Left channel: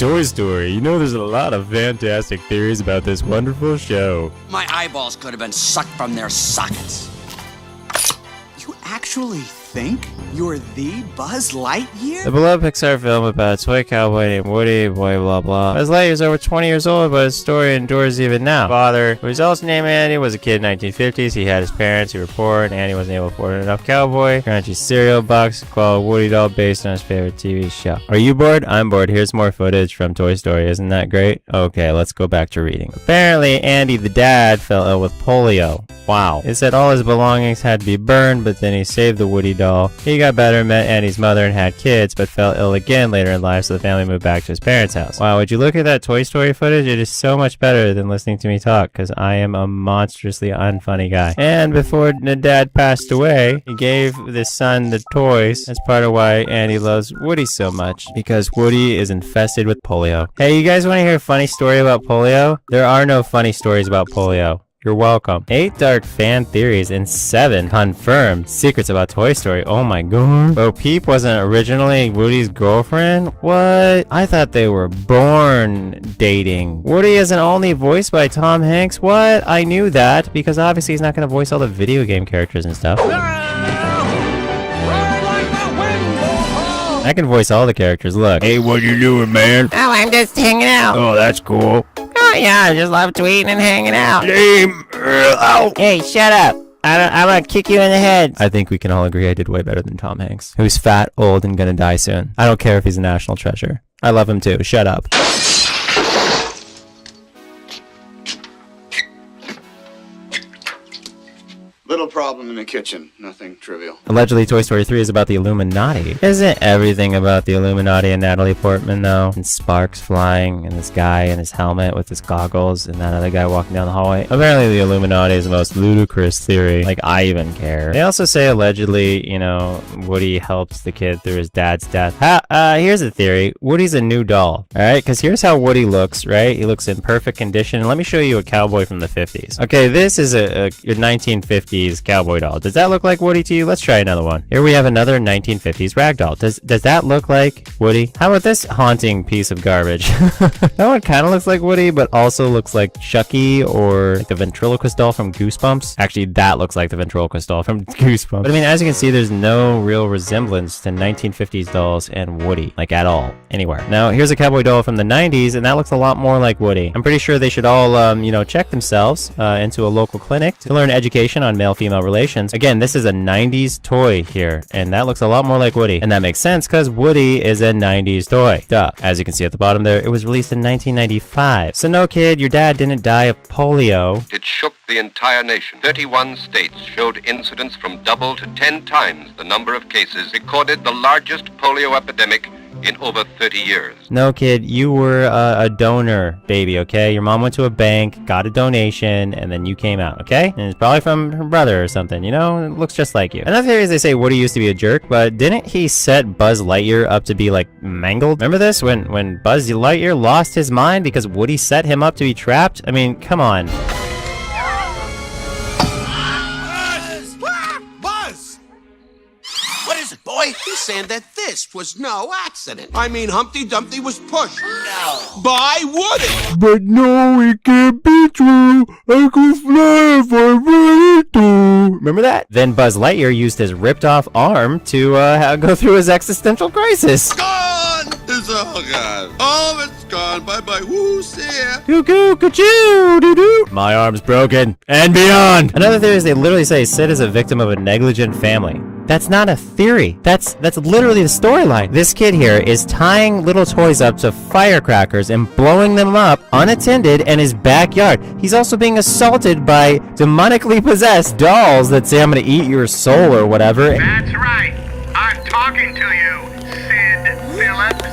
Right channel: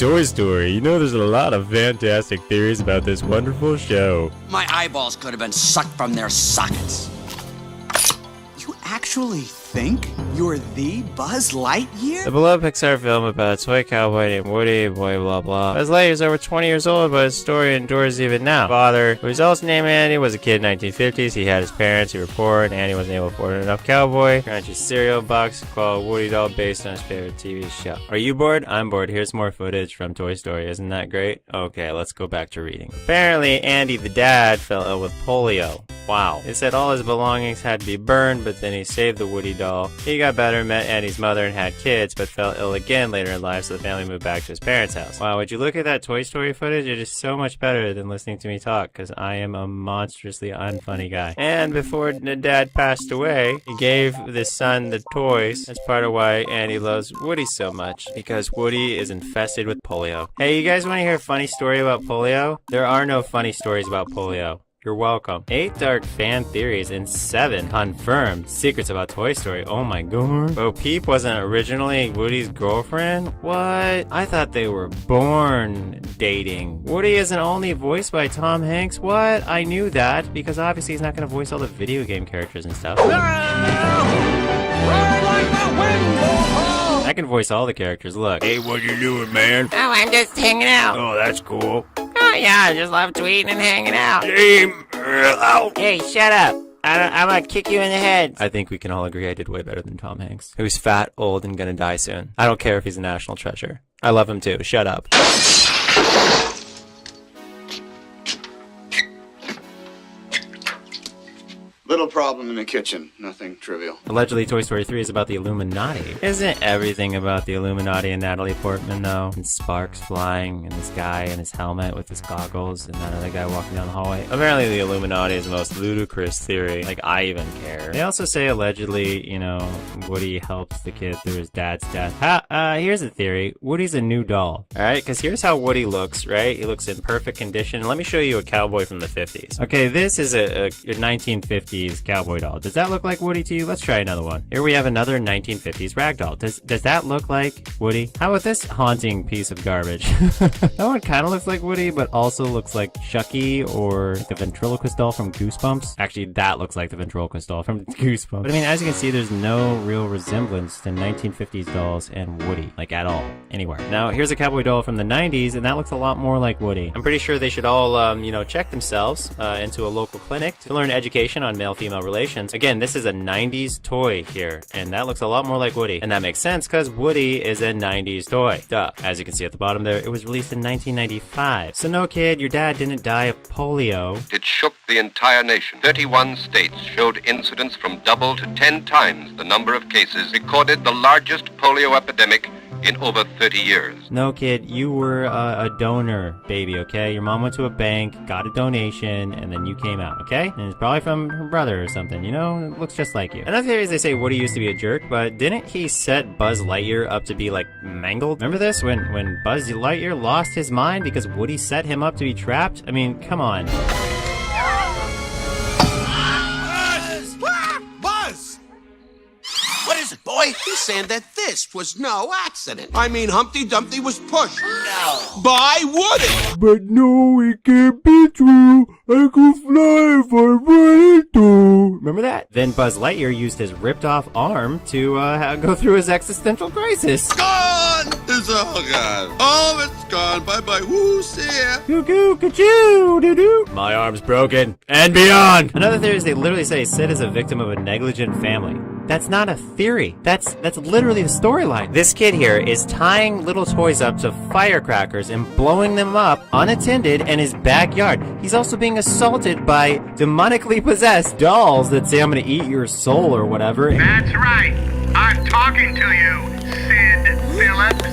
Toy Story. You know, there's a lot of fantastic theories about this wonderful show. My eyeballs could have been sucked from their sockets. You actually think you're the Buzz Lightyear? The beloved Pixar film about a toy cowboy named Woody, boy blah blah. Buzz Lightyear is over 20 years old, but his story endures even now. Father, who is also named Andy, was a kid in the 1950s. He had his parents who were poor, and Andy wasn't able to afford enough cowboy crunchy cereal box called Woody doll based on his favorite TV show. Are you bored? I'm bored. Here's more footage from Toy Story. Isn't that great? Okay, let's go back to reading. Apparently, Andy the dad fell ill with polio. Wow. It said all his belongings had to be burned, but then he saved the Woody doll. He got better, met Andy's mother, and had kids, but fell ill again later in life, so the family moved back to his parents' house. Wow, would you look at that Toy Story footage? It is so much better than listening to me talk, because I am a monstrously unfunny guy. And before the dad passed away, he gave the son the toys. That's part of why Andy loves Woody so much, because Woody is infested with polio. Hey, you guys want to hear a funny story about polio? There are no funny stories about polio. You're welcome. 8 dark fan theories and 7 confirmed secrets about Toy Story. Oh my god. Bo Peep wasn't originally Woody's girlfriend? What? I thought they were born dating. Woody isn't only voiced by Tom Hanks? What? I knew that because obviously he's not going to voice all the video game characters and stuff. I can voice all the characters. Look. Hey, what you doing, man? Oh, I'm just hanging out. Oh, that's cool. Oh, yeah, I just love tweeting and hanging out. Ow. Hey, shut up. I'm gonna kick you in the head. I think we can all agree I did way better than Tom Hanks, who's fat, old, and gonna die soon. I don't care if he's a national treasure. I love him too. Shut up. Little problem in the kitchen. Nothing trivial. Allegedly, Toy Story 3 is about the Illuminati. Isn't everything about the Illuminati and Natalie Portman, though? And sparks flying, and this guy in his helmet with his goggles, and that other guy walking down the hallway. Apparently, the Illuminati is the most ludicrous theory. Like, I even care. They also say, allegedly, you know, Woody helps the kid through his dad's death. Here's a theory. Woody's a new doll, alright? Because here's how Woody looks, right? He looks in perfect condition. Let me show you a cowboy from the 50s. Okay, this is a 1950s cowboy doll. Does that look like Woody to you? Let's try another one. Here we have another 1950s rag doll. Does that look like Woody? How about this haunting piece of garbage? That one kind of looks like Woody, but also looks like Chucky or like the ventriloquist doll from Goosebumps. Actually, that looks like the ventriloquist doll from Goosebumps. But I mean, as you can see, there's no real resemblance to 1950s dolls and Woody, like at all, anywhere. Now, here's a cowboy doll from the 90s, and that looks a lot more like Woody. I'm pretty sure they should all, you know, check themselves into a local clinic to learn education on male-female relations. Again, this is a 90s toy here, and that looks a lot more like Woody. And that makes sense because Woody is a 90s toy. Duh. As you can see at the bottom there, it was released in 1995. So no, kid, your dad didn't die of polio. It shook the entire nation. 31 states showed incidents from double to 10 times the number of cases, recorded the largest polio epidemic in over 30 years. No, kid, you were a donor baby, okay? Your mom went to a bank, got a donation, and then you came out, okay? And it's probably from her brother or something, you know? It looks just like you. Another theory is they say Woody used to be a jerk, but didn't he set Buzz Lightyear up to be, like, mangled? Remember this? When Buzz Lightyear lost his mind because Woody set him up to be trapped? I mean, come on. Boy, he's saying that this was no accident. I mean, Humpty Dumpty was pushed. No. By Woody. But no, it can't be true. I could fly if I wanted to. Remember that? Then Buzz Lightyear used his ripped off arm to go through his existential crisis. Gone! It's all gone. All of it's gone. Bye-bye. Woo, see ya. Cuckoo, ka-choo, doo-doo. My arm's broken. And beyond. Another theory is they literally say Sid is a victim of a negligent family. That's not a theory. That's literally the storyline. This kid here is tying little toys up to firecrackers and blowing them up unattended in his backyard. He's also being assaulted by demonically possessed dolls that say, I'm gonna eat your soul or whatever. That's right. I'm talking to you, Sid Phillips.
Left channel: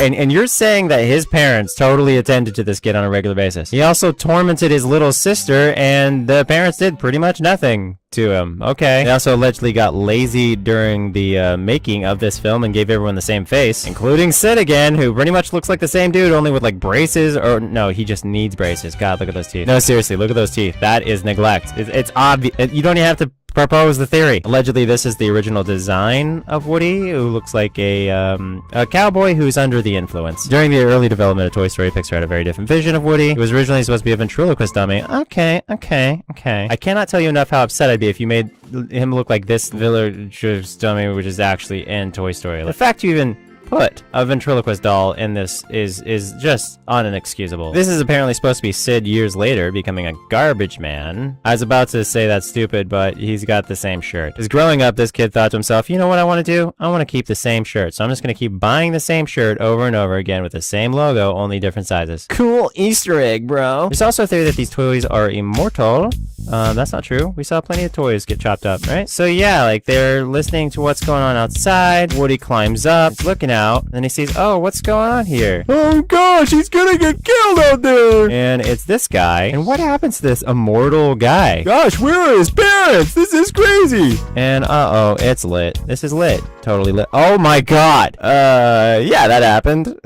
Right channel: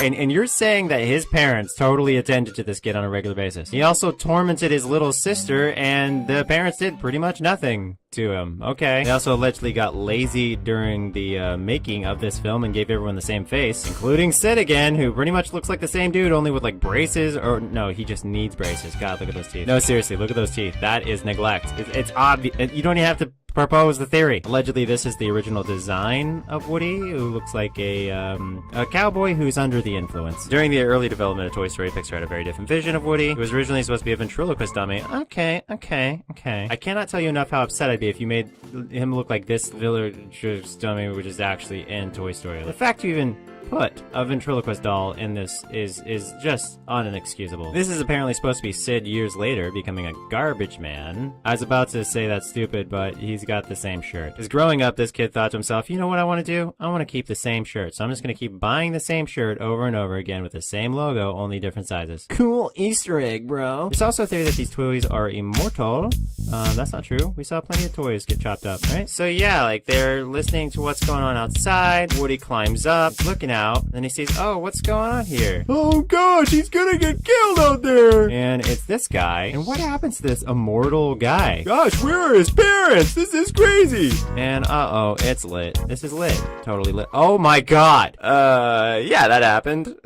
And you're saying that his parents totally attended to this kid on a regular basis. He also tormented his little sister, and the parents did pretty much nothing to him. Okay. They also allegedly got lazy during the making of this film and gave everyone the same face, including Sid again, who pretty much looks like the same dude, only with like braces, or no, he just needs braces. God, look at those teeth. No, seriously, look at those teeth. That is neglect. It's obvious. You don't even have to propose the theory. Allegedly, this is the original design of Woody, who looks like a cowboy who's under the influence. During the early development of Toy Story, Pixar had a very different vision of Woody. He was originally supposed to be a ventriloquist dummy. Okay. I cannot tell you enough how upset I'd be if you made him look like this villager's dummy, which is actually in Toy Story. The fact you even put a ventriloquist doll in this is just inexcusable. This is apparently supposed to be Sid years later becoming a garbage man. I was about to say that's stupid, but he's got the same shirt. Because growing up, this kid thought to himself, you know what I want to do? I want to keep the same shirt. So I'm just going to keep buying the same shirt over and over again with the same logo, only different sizes. Cool Easter egg, bro. There's also a theory that these toys are immortal. That's not true. We saw plenty of toys get chopped up, right? So yeah, like they're listening to what's going on outside. Woody climbs up, he's looking out, and then he sees, oh, what's going on here? Oh gosh, he's gonna get killed out there! And it's this guy. And what happens to this immortal guy? Gosh, where are his parents? This is crazy! And uh-oh, it's lit. This is lit. Totally lit. Oh my god! Yeah, that happened.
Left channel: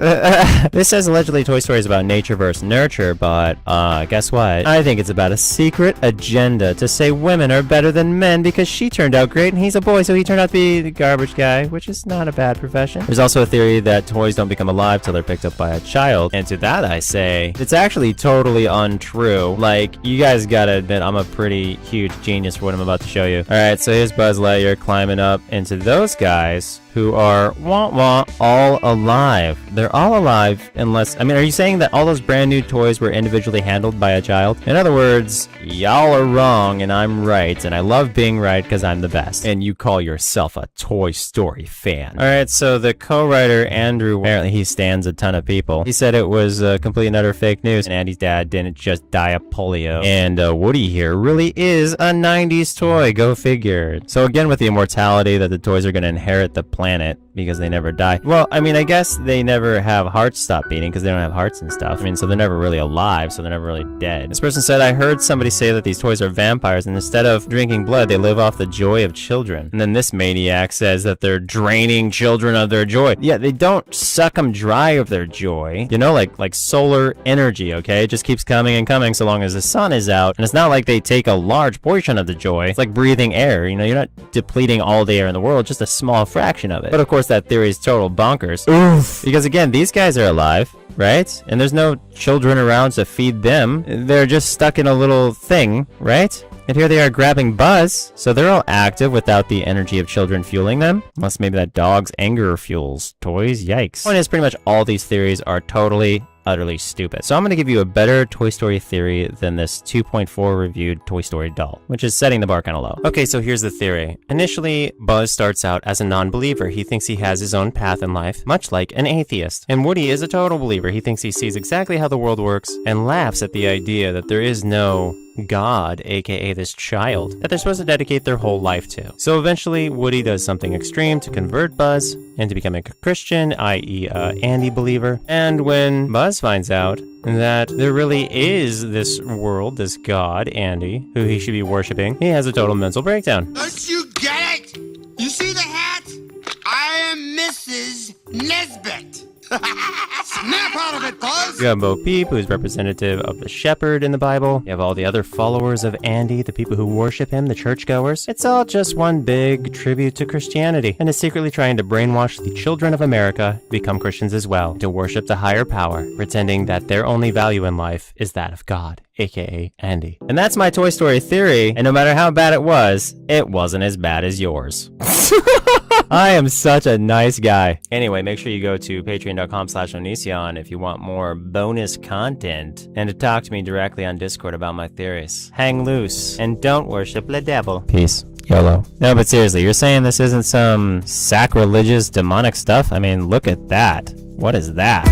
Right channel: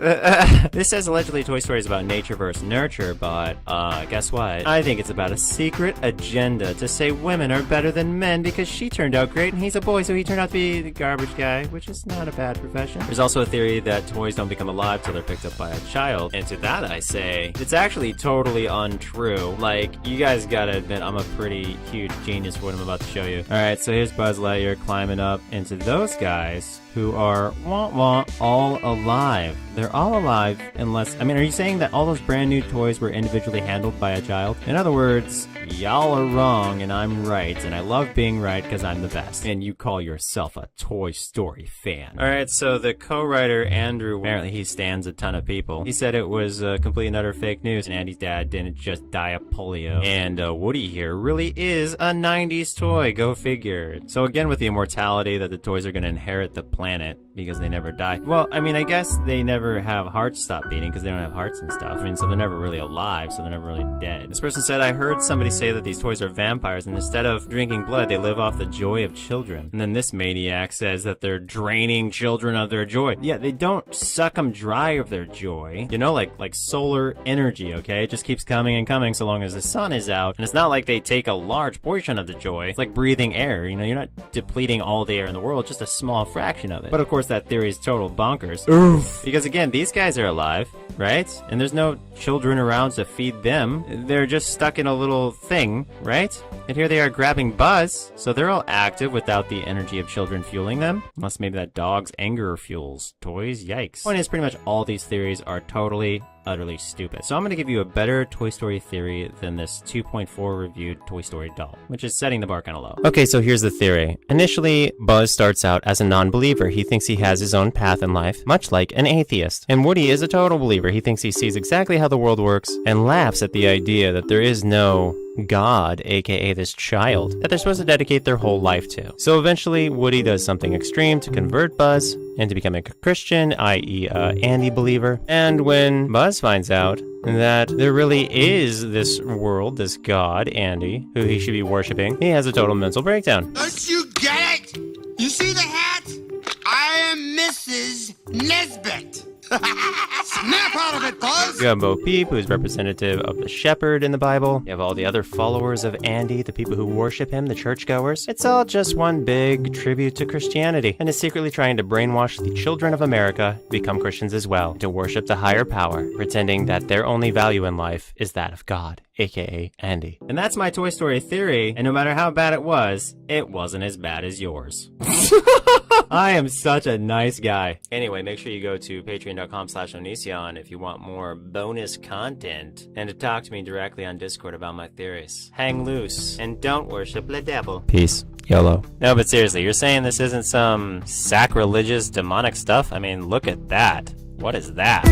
This says allegedly Toy Story is about nature versus nurture, but guess what? I think it's about a secret agenda to say women are better than men because she turned out great and he's a boy, so he turned out to be the garbage guy, which is not a bad profession. There's also a theory that toys don't become alive till they're picked up by a child, and to that I say, it's actually totally untrue. Like, you guys gotta admit, I'm a pretty huge genius for what I'm about to show you. Alright, so here's Buzz Lightyear climbing up into those guys who are all alive. They're all alive unless, I mean, are you saying that all those brand new toys were individually handled by a child? In other words, y'all are wrong and I'm right, and I love being right because I'm the best. And you call yourself a Toy Story fan. Alright, so the co-writer Andrew, apparently he stands a ton of people. He said it was complete and utter fake news, and Andy's dad didn't just die of polio. And Woody here really is a 90s toy, go figure. So again, with the immortality that the toys are going to inherit the planet because they never die. Well, I mean, I guess they never have hearts stop beating because they don't have hearts and stuff. I mean, so they're never really alive, so they're never really dead. This person said, I heard somebody say that these toys are vampires, and instead of drinking blood, they live off the joy of children. And then this maniac says that they're draining children of their joy. Yeah, they don't suck them dry of their joy. You know, like solar energy, okay? It just keeps coming and coming so long as the sun is out. And it's not like they take a large portion of the joy. It's like breathing air. You know, you're not depleting all the air in the world, just a small fraction of it. But of course, that theory is total bonkers. Oof. Because again, these guys are alive, right? And there's no children around to feed them. They're just stuck in a little thing, right? And here they are grabbing Buzz, so they're all active without the energy of children fueling them. Unless maybe that dog's anger fuels toys. Yikes. Point is, pretty much all these theories are totally utterly stupid. So I'm going to give you a better Toy Story theory than this 2.4 reviewed Toy Story doll, which is setting the bar kind of low. Okay, so here's the theory. Initially, Buzz starts out as a non-believer. He thinks he has his own path in life, much like an atheist. And Woody is a total believer. He thinks he sees exactly how the world works and laughs at the idea that there is no God, aka this child, that they're supposed to dedicate their whole life to. So eventually, Woody does something extreme to convert Buzz into becoming a Christian, i.e. a Andy believer. And when Buzz finds out that there really is this world, this God, Andy, who he should be worshiping, he has a total mental breakdown. Don't you get it? You see the hat? I am Mrs. Nesbit. Snap out of it, Buzz! You have Bo Peep, who's representative of the shepherd in the Bible. You have all the other followers of Andy, the people who worship him, the churchgoers. It's all just one big tribute to Christianity, and is secretly trying to brainwash the children of America to become Christians as well, to worship the higher power, pretending that their only value in life is that of God, aka Andy. And that's my Toy Story theory, and no matter how bad it wasn't as bad as yours. I am such a nice guy. Anyway, make sure you go to patreon.com/Onision if you want more bonus content and to talk to me directly on Discord about my theories. Hang loose and don't worship the devil. Peace. YOLO. No, but seriously, you're saying this isn't some sacrilegious demonic stuff? I mean, look at that. What is that?